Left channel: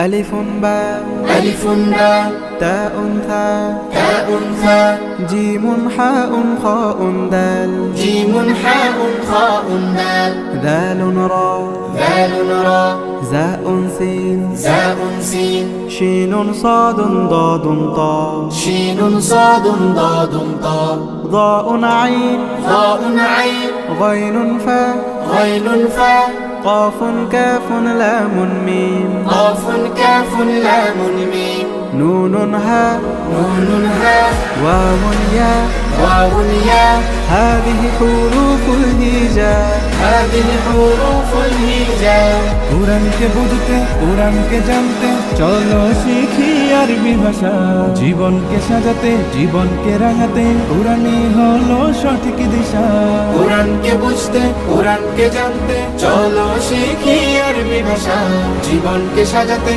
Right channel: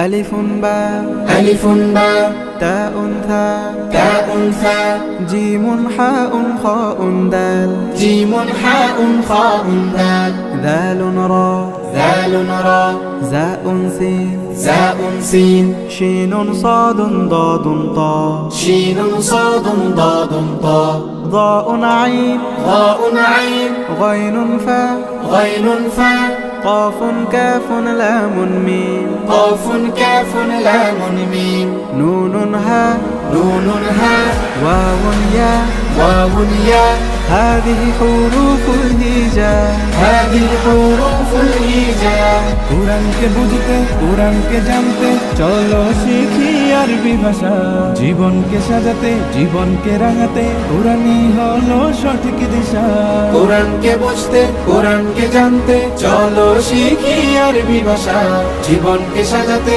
ألف باء ألف باء تاء ثاء تاء ثاء جيم حاء خاء دال جيم حاء خاء دال ذال راء ذال راء زاء سين زاء سين شين صاد ضاد طاء شين صاد ضاد طاء ضاء عين ضاء عين غين فاء غين فاء قاف كاف لام ميم قاف كاف لام ميم نون هاء نون هاء واو ياء واو ياء هذه حروف الهجاء هذه حروف الهجاء কোরআনকে বুঝতে কোরআনকে জানতে চলো শিখি আরবি ভাষা জীবনকে সাজাতে জীবনকে রাঙাতে কোরআনই হলো সঠিক দিশা কোরআনকে বুঝতে কোরআনকে জানতে চলো শিখি আরবি ভাষা জীবনকে সাজাতে